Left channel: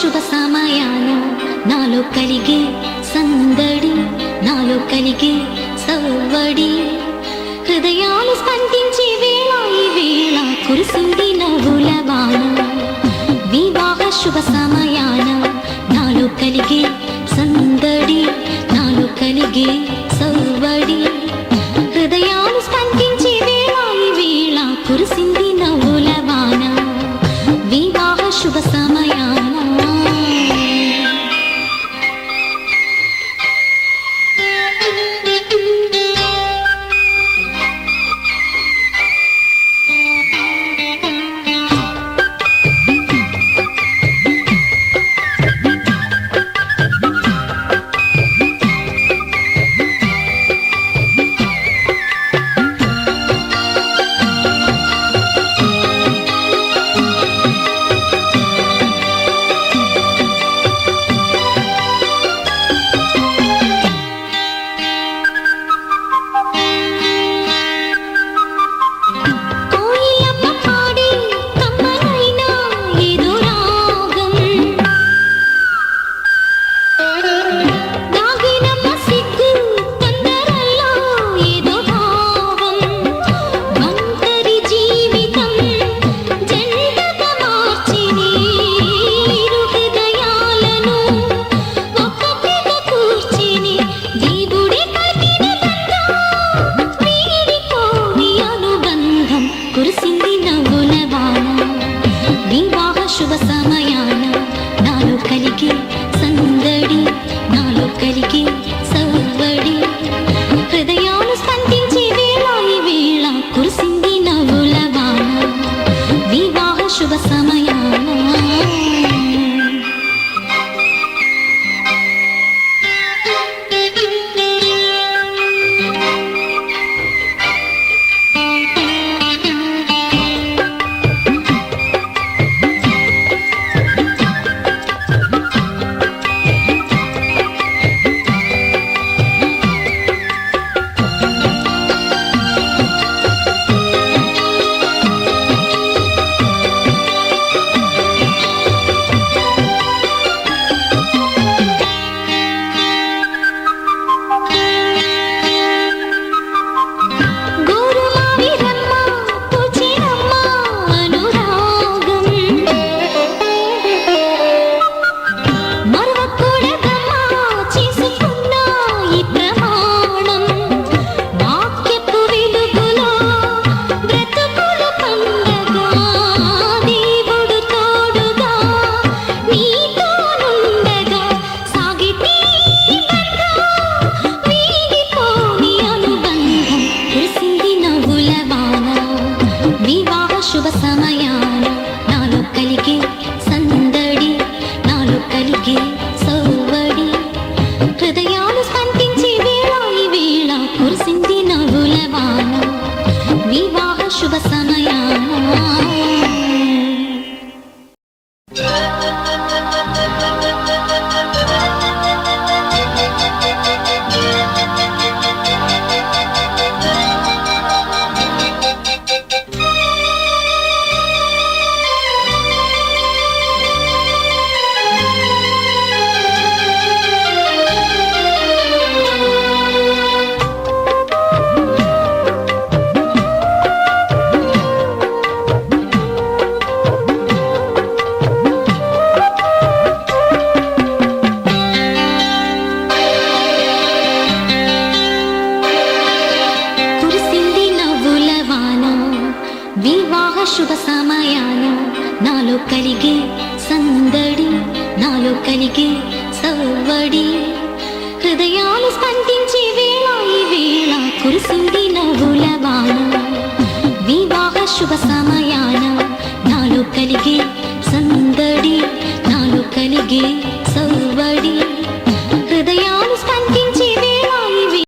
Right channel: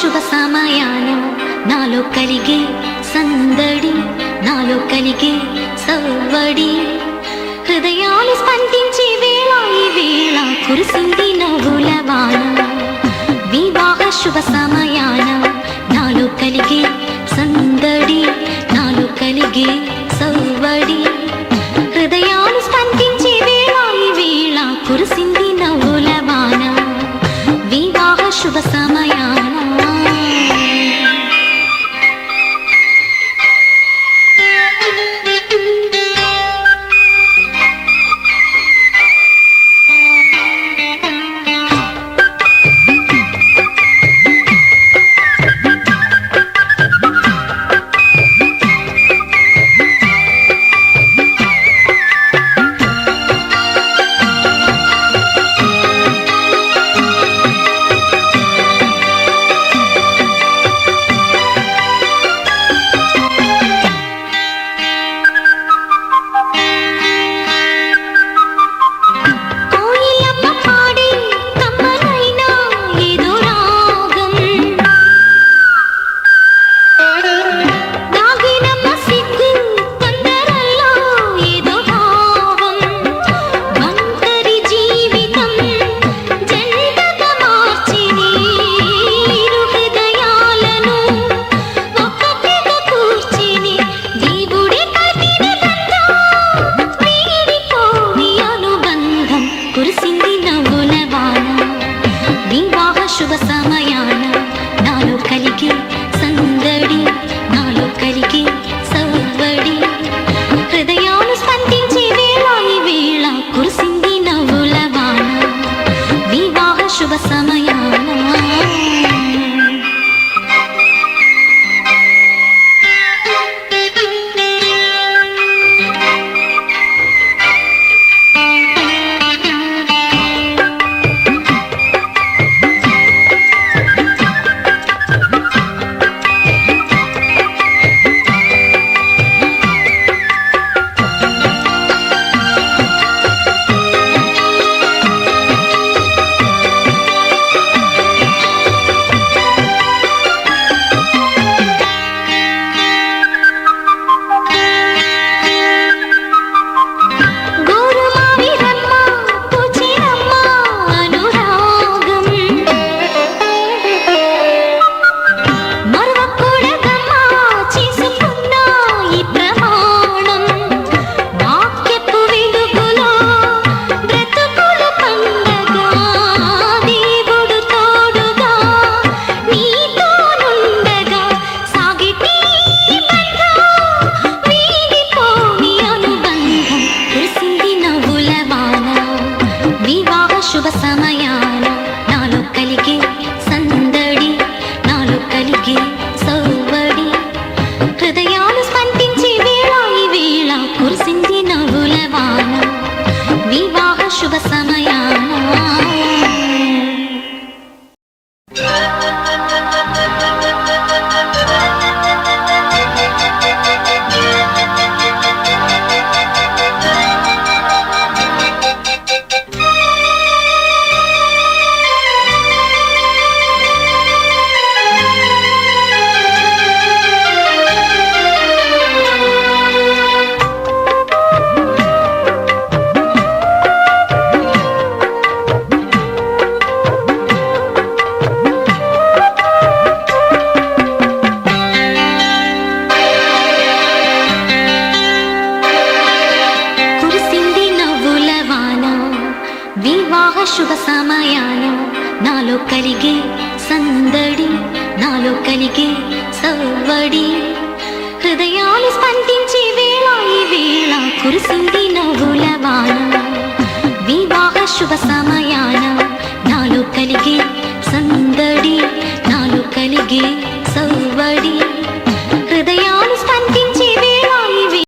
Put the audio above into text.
శుభ సమయాన నాలో కలిగే సందడి, నాలో కలిగే సవ్వడి, హృదయాలు స్పందించే వేళ ఈ వేళ కురిసింది నవ్వుల వాన. వివాహ శుభ సమయాన నాలో కలిగే సందడి, నాలో కలిగే సవ్వడి, హృదయాలు స్పందించే వేళ ఈ వేళ కురిసింది నవ్వుల వాన. వివాహ శుభ సమయాన శుభ సమయాన నాలో కలిగి సందడి, నాలో కలిగి సవ్వడి, హృదయాలు స్పందించే వేళ ఈ వేళ కురిసింది నవ్వుల వాన. వివాహ శుభ సమయాన శుభ సమయాన నాలో కలిగే సందడి, నాలో కలిగే సవ్వడి, హృదయాలు స్పందించే వేళ ఈ వేళ కురిసింది నవ్వుల వాన. వివాహ శుభ సమయాన శుభ సమయాన నాలో కలిగే సందడి, నాలో కలిగే సవ్వడి, హృదయాలు స్పందించే వేళ ఈ వేళ కురిసింది నవ్వుల వాన వివాహ శుభ సమయాన నాలో కలిగే సందడి నాలో కలిగే సవ్వడి